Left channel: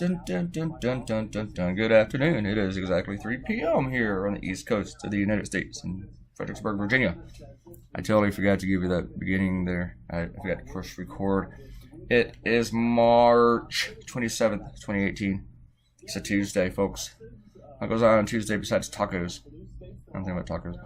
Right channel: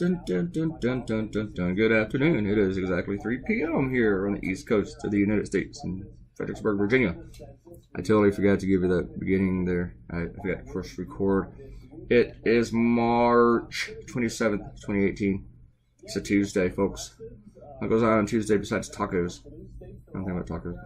Dun, dun, dun, dun, dun, dun, dun. Good afternoon. It is exactly 3 p.m. here on the East Coast of the United States in Fredericksburg, Virginia. I totally forgot to give you that beginning there. I forgot to first record. It is March 27th, 2018. It's a Tuesday, folks. What goes on Tuesday besides tacos? I'm thinking about tacos.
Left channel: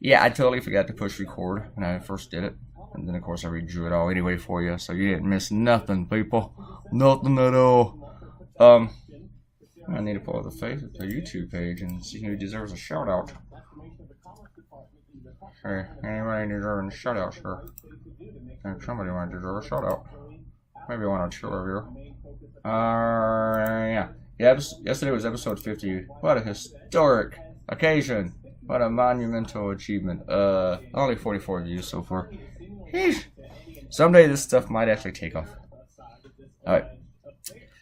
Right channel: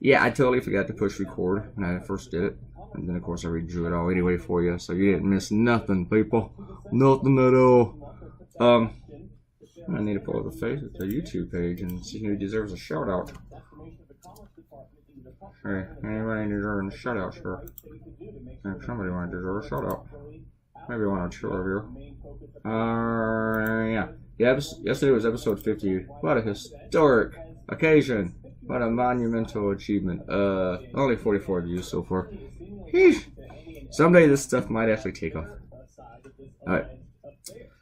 Yeah, I totally forgot to push record when I first did it. And then, of course, I redrew it all anyway for you, so you didn't miss nothing, people. Nothing at all. I need to pull up the YouTube page and see who deserves a shout-out. Hey, anybody deserving a shout-out, sure. And somebody might deserve a shout-out. Maybe one or two of you. Yeah. Yesterday was episode 50. What a historic occasion. What a monumental achievement. Only 44 views so far. Sheesh. Someday this stuff might actually take off. Alright.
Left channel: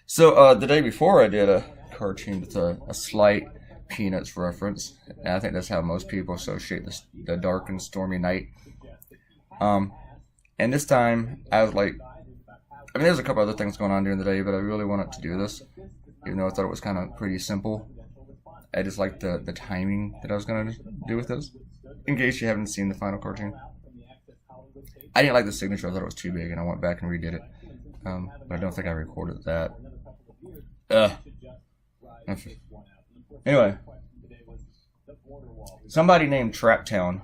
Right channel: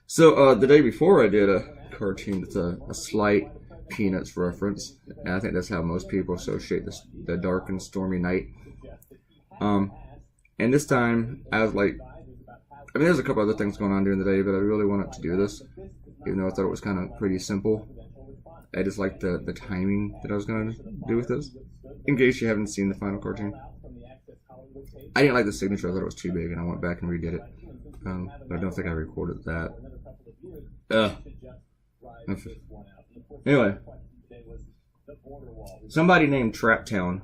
So, the day before I did a cartoon with a slight Peanuts reference. And I think that's how most people associate the dark and stormy night. And this time, I was like... I mean, there's a couple other things going on during the day, but I really wanted to do this. Even though I thought it was kind of pretty simple. I just liked the timing that I was going to do with this. In case you haven't seen the final cartoon. I didn't like the signature. I thought it was too big, and I went back and redid it. But I don't think I recorded that. Anyway. Somebody named Traptown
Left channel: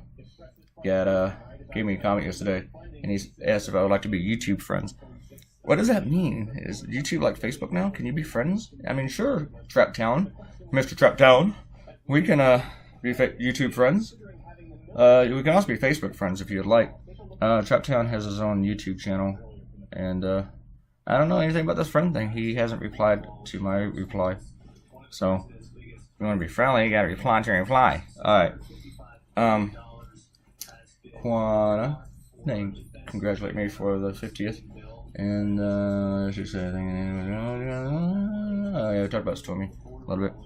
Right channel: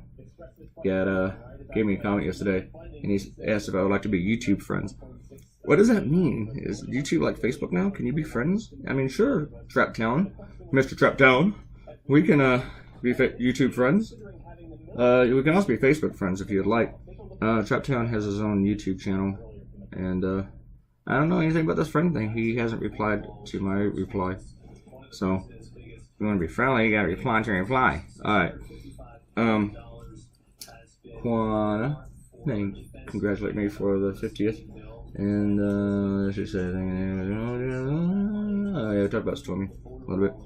gave me a comment yesterday, and he asked if I would like to be YouTube friends. What does that mean? Is YouTube like Facebook now? Can you be friends? I mean, sure, Traptown. Mr. Traptown. We can be YouTube friends. We can also be Facebook friends if you'd like. Traptown has his own YouTube channel, and I don't know anything about this friend thing. He hasn't replied to my reply. So, if you want to be friendly, you gotta reply to your reply. Alright. Juana, congratulate me for the 50th. And, she said, I talked about Stormy a little bit.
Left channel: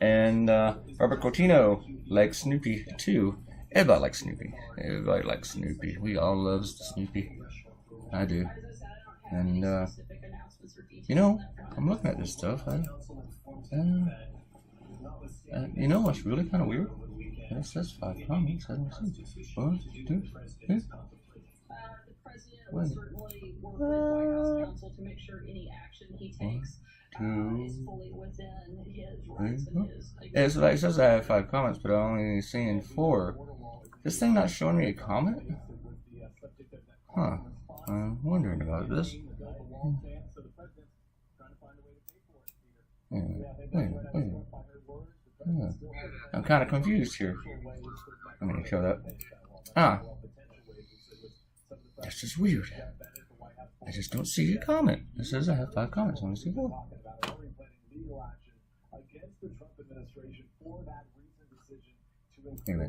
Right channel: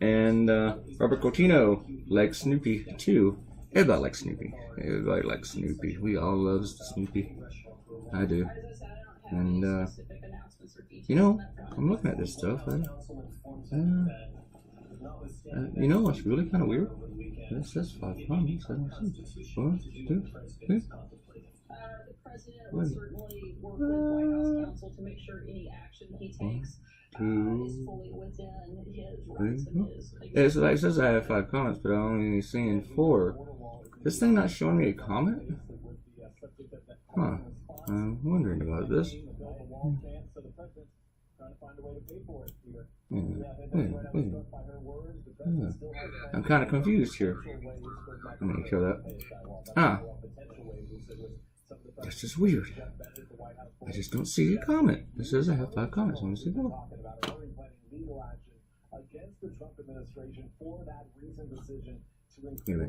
And, Robert Cotino likes Snoopy, too. Everybody likes Snoopy. Everybody likes Snoopy. We all love Snoopy. I do. And, you know, I'm looking at this stuff. You know what's really kind of weird? It says 5 comments. I don't see. 1, 2, 3. Wait. 1, 2, 3. It says I have 5 comments, but I'm only seeing 4. This thing not showing me a comment? Huh. I'm wondering about this. I'm kind of confused here. I'm going to kill that. That's just weird. I just don't see a comment. It says I have 5 comments. Let me see that. Anyway,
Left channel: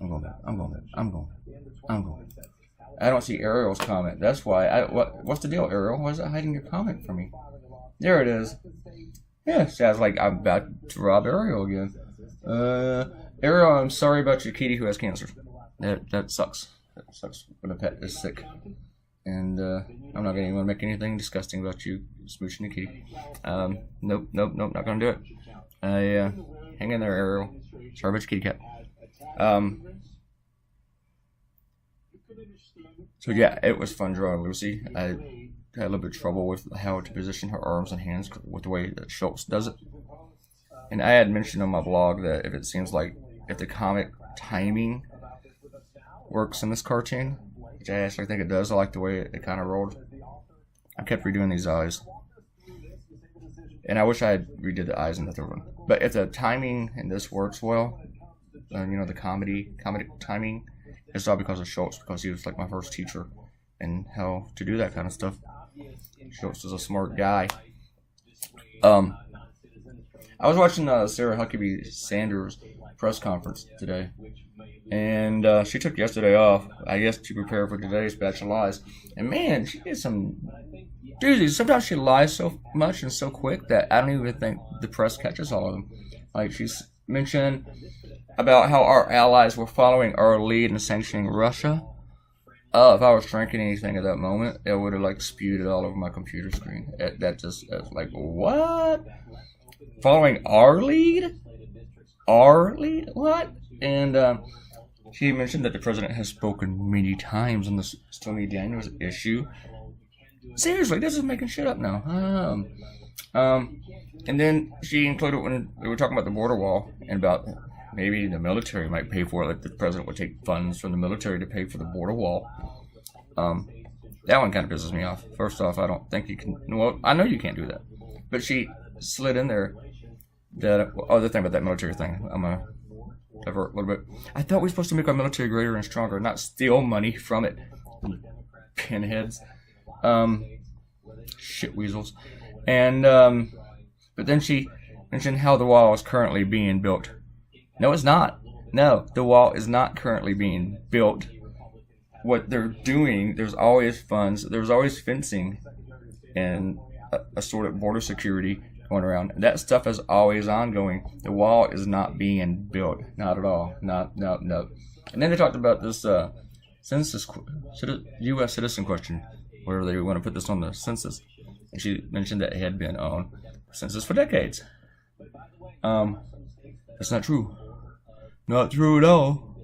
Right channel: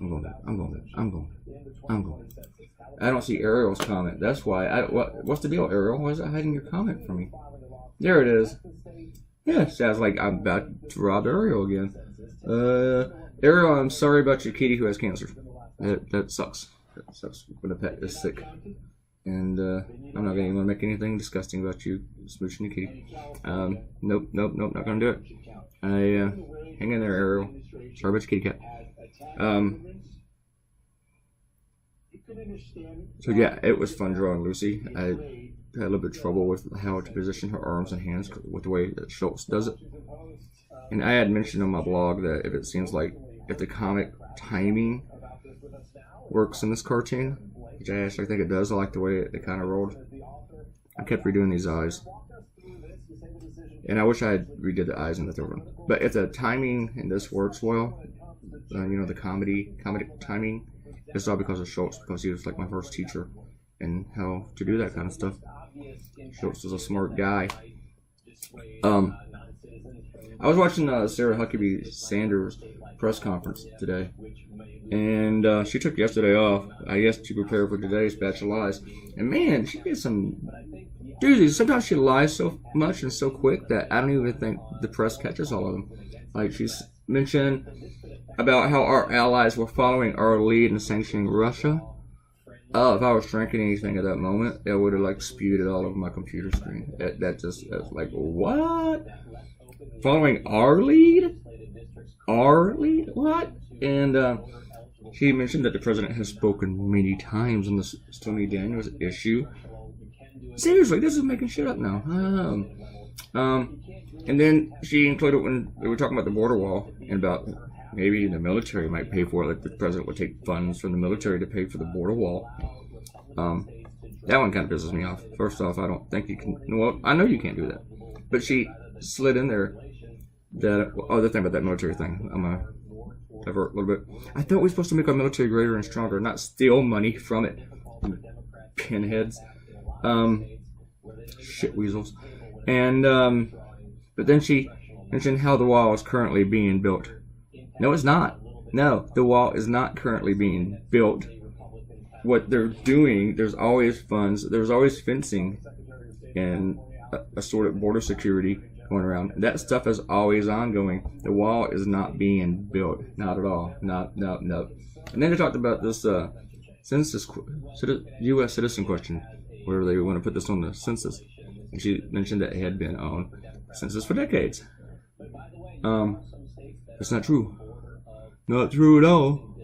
I'm going. I don't see Ariel's comment. That's why. What's the deal, Ariel? Why is it hiding your comment from me? There it is. Yeah, sounds like I'm about to rob Ariel again. Ariel, I'm sorry about your kitty who has cancer. That sucks. That sucks when a pet is sick. And I'm not going to make anything disgusting about you smooching the kitty. Nope, not going to do it. Hang in there, Ariel. Sorry about your kitty cat. So yeah, it was fun drawing Lucy. I had a little bit of trouble with how to position her arms and hands with the way that Schultz does it. And I had mentioned on my blog that if the comic timing works in this cartoon, which I actually think it does. I like the way it kind of rolled. I kept redoing these eyes. And I wish I had redid the eyes in the third one. But if the timing in this works well, you know, the comedy timing, it's all because of Schultz, because he was like my first teacher in how to do that kind of stuff. Schultz is a smart guy. I was watching Sarah Huckabee Sanders' press conference today, and she took yesterday off, I guess, to prepare for today's batch of lies. And man, she gets some doozies. Sometimes she lies so much and so quick that I don't even think the press catches all of them. Like, she's mentioned about how our allies were following our lead in sanctioning Russia. If I was drinking anything at that moment, it would have like spewed it all over my computer screen. That just was like, what? Following our lead? Our lead? What? And she mentioned that the president has spoken many times on the Stormy Daniels issue. Seriously, this is making shit up now. And then she included when they were talking about the border wall and about maybe the military might pay for it, like the president would take funds from the military to pay for the border wall. That one kind of pisses me off. First off, I don't think you can. Well, I know you can't do that. But she slid in there that other thing about that military thing. I'm gonna divert a little bit. I thought we were supposed to make our military greater and stronger, not steal money from it. Pinheads. Shit weasels. And but then she mentioned how the wall is currently being built. No, it's not. No, the wall is not currently being built. What they're doing, there's always funds, there's always fencing and a sort of border security going around. That stuff is always ongoing. The wall is not being built. Not at all. No. And then they talked about this census, U.S. citizen question, where they want to put this on the census. And she mentioned that it had been on census for decades. It's not true. Not true at all.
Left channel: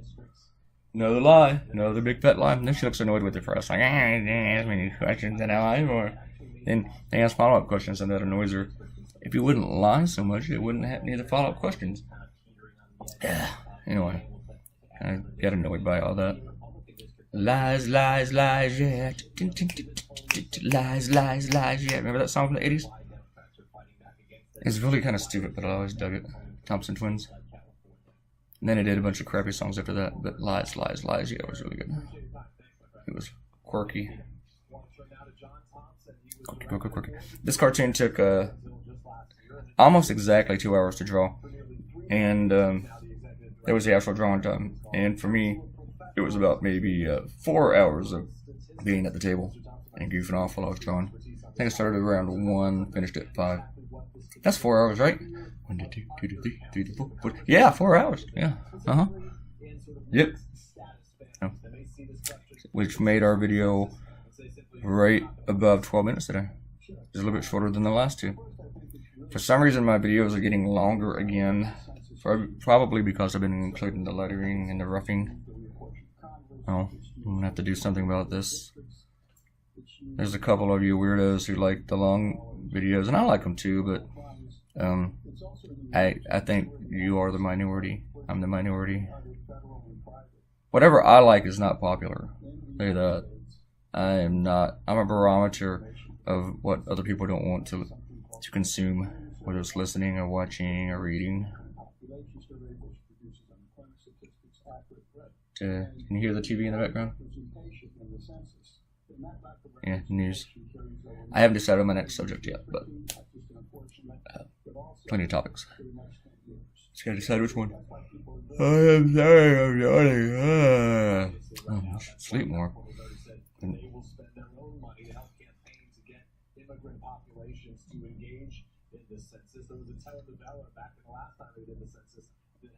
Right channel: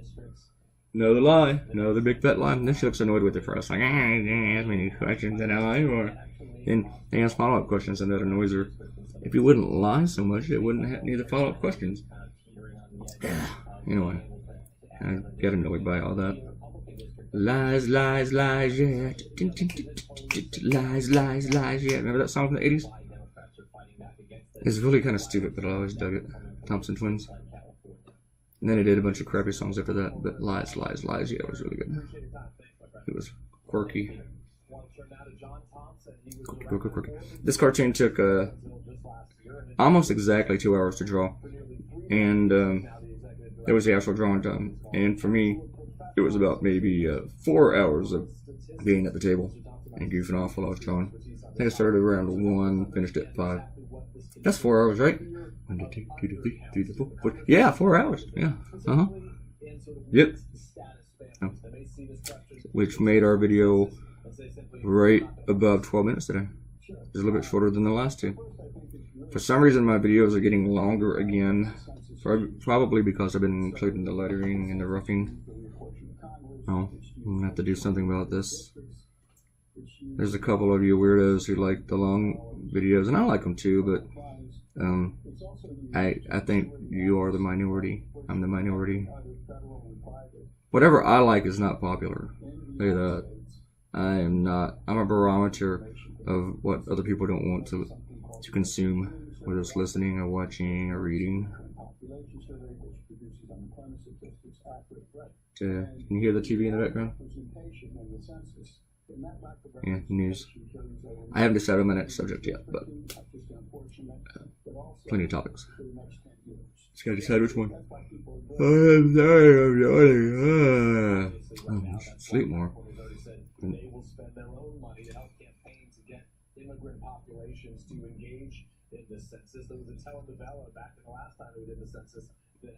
Another lie. Another big fat lie. And then she looks annoyed with it for us. Like, I didn't ask me any questions and I or then they ask follow-up questions and that annoys her. If you wouldn't lie so much, it wouldn't have any of the follow-up questions. Anyway, I get annoyed by all that. Lies, lies, lies, yeah. Lies, lies, lies, yeah. Remember that song from the 80s? It's really kind of stupid, but I always dug it. Thompson Twins. And then I did a bunch of crappy songs after that, but Lies, Lies, Lies, yeah, it was really good. It was quirky. Quirky. This cartoon took almost exactly 2 hours to draw. And it was the actual drawing time. And for me, it was about maybe 4 hours of being at the table and goofing off while I was drawing. I think I started around 1, finished at 5. That's 4 hours, right? 1, 2, 3, 4, 4. Yeah, 4 hours. Yeah. Yep. Oh. Which made our video right above 12 minutes today. It's a little bit shorter than the last two. For some reason, my videos are getting longer again. Probably because I've been including the lettering and the roughing. Oh, I'm going to have to do something about this. There's a couple of you weirdos who like the long videos, and I like them too, but I think you are the minority. I'm the minority. Whatever I like is not popular. Say that. I'm not. I'm a barometer of what other people don't want to consume, whether it's listening or watching or reading. Can you hear the TV in the background? Yeah, news. I haven't decided on my next subject yet, but plenty of topics. Just gotta decide which one. I'm sorry, I'm yawning. I should sleep more. They will spend their own money to help campaign to get immigrant populations to engage in this census. There was a telenovela back in the last time they did the census.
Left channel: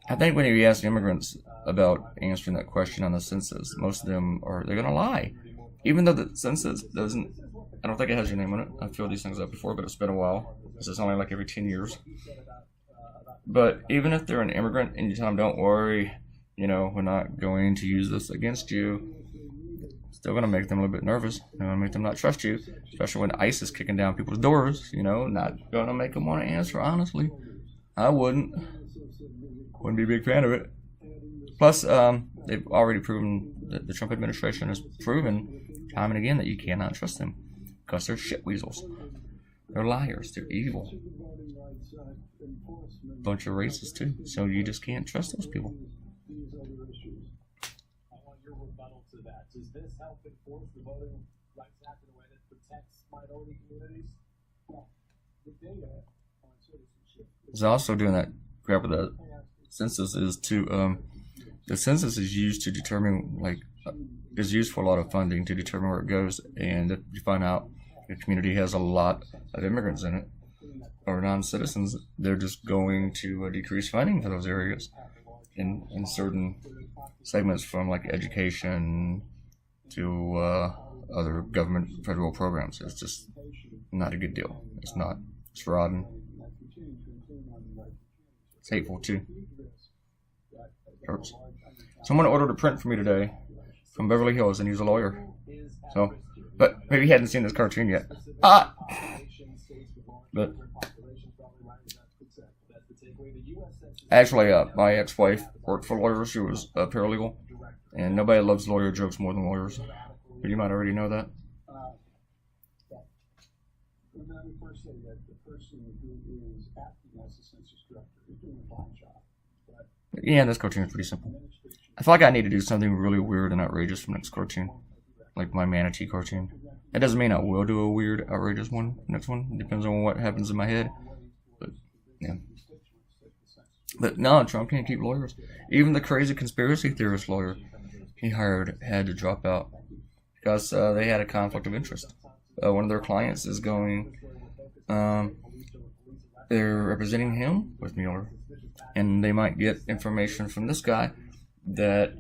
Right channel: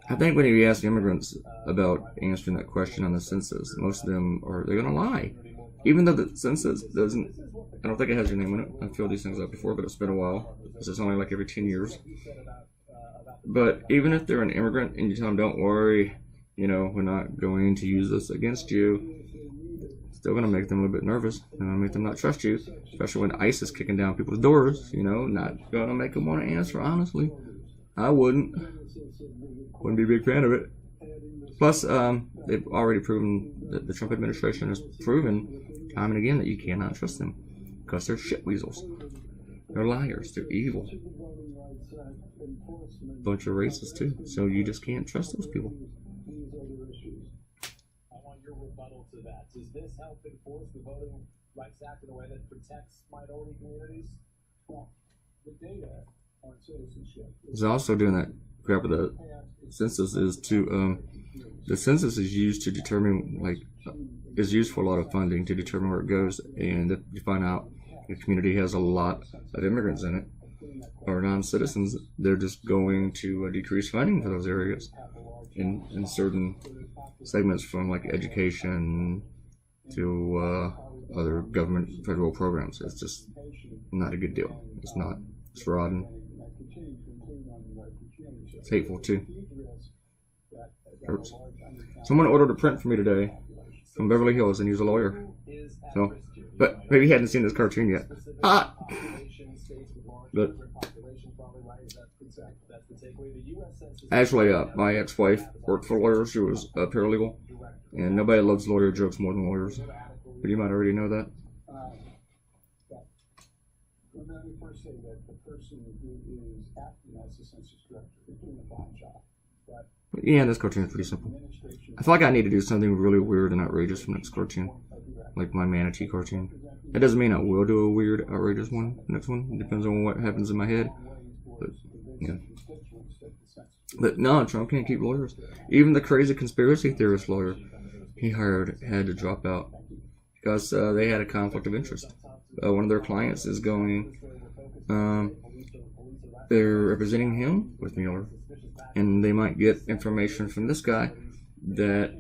I think when you ask immigrants about answering that question on the census, most of them they're gonna lie. Even though the census doesn't, I don't think it has your name on it. I've filled these things out before, but it's been a while. This is only like every 10 years. But even if they're an immigrant and you tell them, don't worry, we're not going to use this against you, still going to make them a little bit nervous. Going to make them not trust you, especially when ICE is kicking down people's doors, not going to make them want to answer honestly. I wouldn't be a big fan of it. Plus, they've already proven, that the Trump administration has proven time and again that you cannot trust them because they're shit weasels. They're liars. They're evil. Bunch of racists too. So you just can't trust those people. I want your rebuttal to that. Does this help enforce the Voting Rights Act in a way that protects minority communities? Well, the data on citizenship. It's also doing that crap with the census the census is used to determine, is used for a lot of funding to determine where it goes, and if you find out the community has a lot of immigrants in it, or non-citizens, they're just going to decrease funding for those areas in certain segments from education to other government federal programs. It's just not a good deal. It's not. It's rotten. It's hateful too. Hurts. Someone ordered a print for me today from Beverly Hills and he's a lawyer. So, but maybe he hadn't seen this cartoon yet. But actually, my ex-wife worked for lawyers. She was a paralegal, and nobody loves lawyer jokes more than lawyers. But you might already know that. Let me first say that the person who is acting as the census director is doing a fine job. Yeah, this cartoon is pretty simple. I feel like I need to do something really weird and outrageous for next cartoon, like my manatee cartoon. That doesn't mean I will do a weird, outrageous one. Next one, it depends on what happens in my head. But yeah. But no, Trump can't keep lawyers. Even the crazy conspiracy theorist lawyer he hired had to drop out because they had a conflict of interest. One of their clients is going. They're representing him with Mueller, and they might get information from this guy that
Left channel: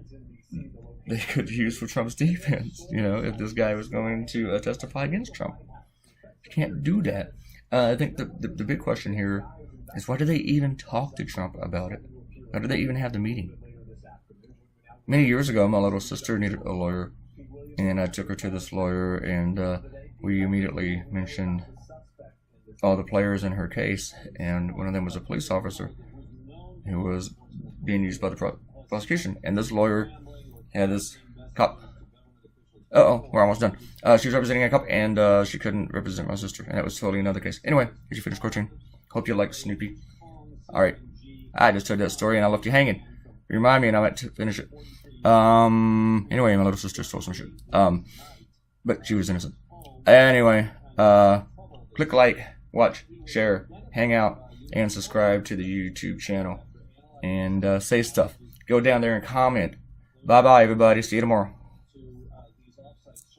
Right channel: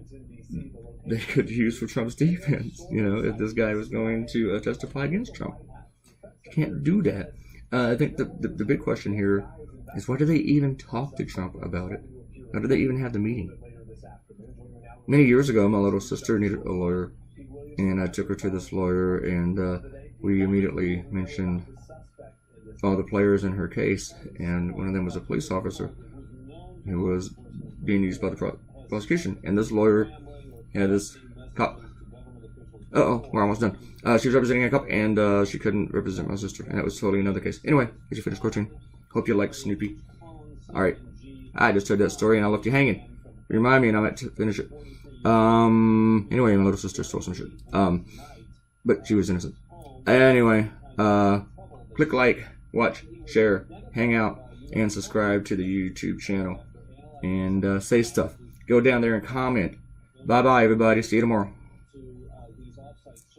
they could use for Trump's defense. You know, if this guy was going to testify against Trump, you can't do that. I think the big question here is why do they even talk to Trump about it? Why do they even have the meeting? Many years ago, my little sister needed a lawyer, and I took her to this lawyer, and we immediately mentioned all the players in her case, and one of them was a police officer who was being used by the prosecution. And this lawyer had this cop. We're almost done. She was representing a cop, and she couldn't represent my sister, and that was totally another case. Anyway, did you finish cartoon? Hope you like Snoopy. Alright, I just told that story and I left you hanging. Remind me and I meant to finish it. Anyway, my little sister stole some shit. But she was innocent. Anyway, click like, watch, share, hang out, and subscribe to the YouTube channel. And say stuff. Go down there and comment. Bye-bye, everybody. See you tomorrow.